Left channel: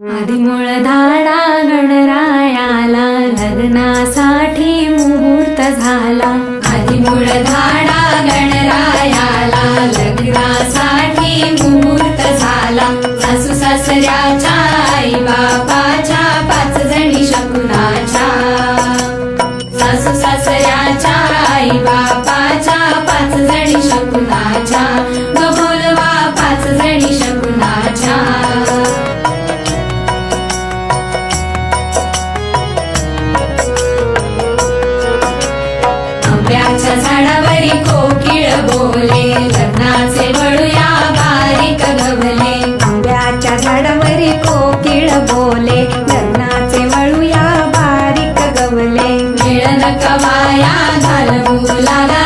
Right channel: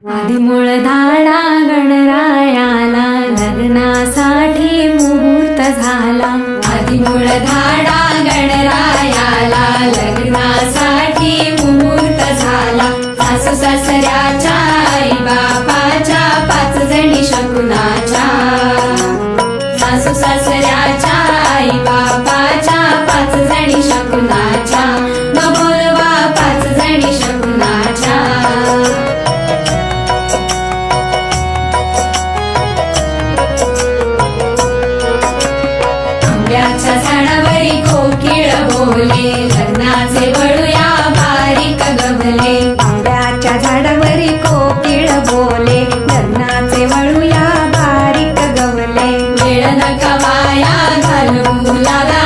आदिमूळ धाडा गणरायाला लग्नासाठी मुहूर्त झाला। आदिमूळ धाडा गणरायाला लग्नासाठी मुहूर्त झाला। सासू सासऱ्याच्या आई बापाच्या 5 जणी शकुनाच्या। सासू सासऱ्याच्या आई बापाच्या 5 जणी शकुनाच्या। बोलवा 5 जणी शकुनाच्या। आंब्याच्या झाडावरी कोकिळ बोले लग्नाचे वळूया बारीक गवले। आंब्याच्या झाडावरी कोकिळ बोले लग्नाचे वळूया बारीक गवले। वेळ नका वाया घालवू लागा